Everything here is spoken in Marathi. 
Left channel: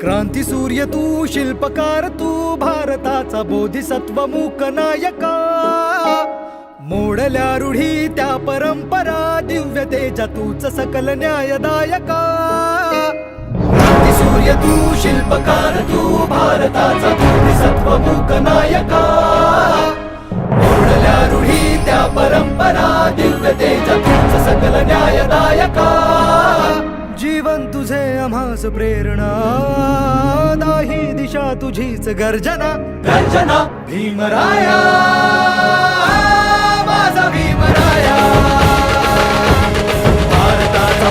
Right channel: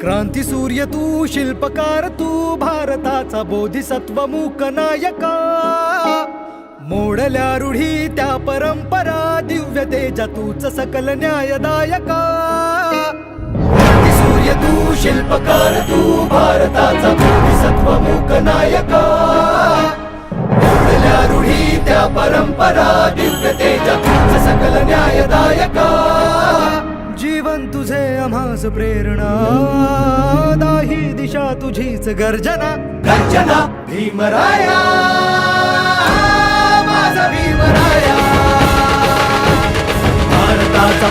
क्रांती सूर्य तू, शिल्पकार तू, भारताचा बोधिसत्व मूक नायका. मोडल्या रूढी त्या परंपरा, दिव्य तेजा तूच सकल न्यायदायका. क्रांती सूर्य तू, शिल्पकार तू, भारताचा बोधिसत्व मूक नायका. मोडल्या रूढी त्या परंपरा, दिव्य तेजा तूच सकल न्यायदायका. जीवन तुझे आम्हास प्रेरणा, दाही दिशा तुझीच गर्जना. गर्जना भीमराया, माझा भीमराया. भारताचा